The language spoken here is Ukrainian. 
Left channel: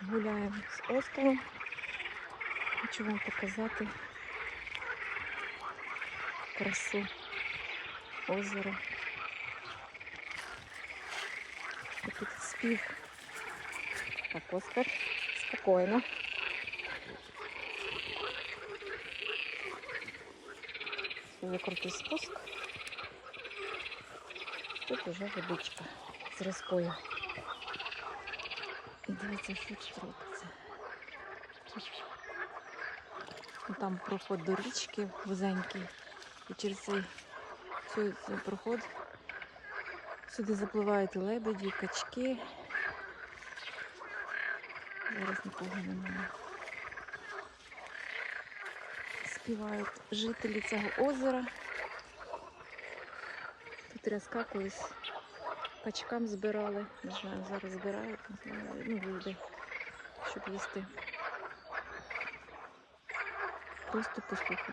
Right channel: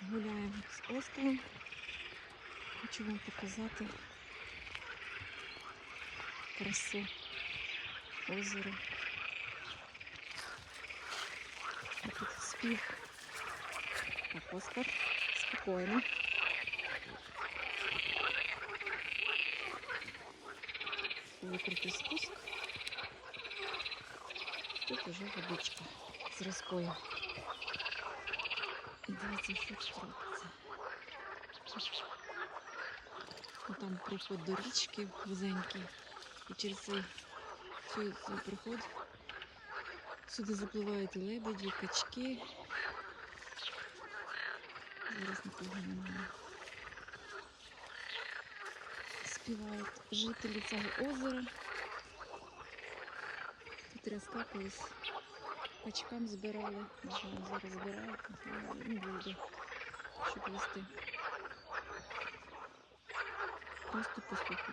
Гуляємо з Оскаром. Хочу вам показати красу озера. Тут спів. Так, Оскар, спокійно. Дуже крутий спуск. Тут уже водичка з різкою. І дивіться, що тут робиться. Ну, Там проход до річки вузенький. І через цей, цей, цей проход сюди запливають лебеді, качки. Зараз нікого немає. Співають жителі цього озера. Тут рязка колись качкам збирали. Не знаю, зараз збирають, ну, люди, щоб їсти. Просто послухати.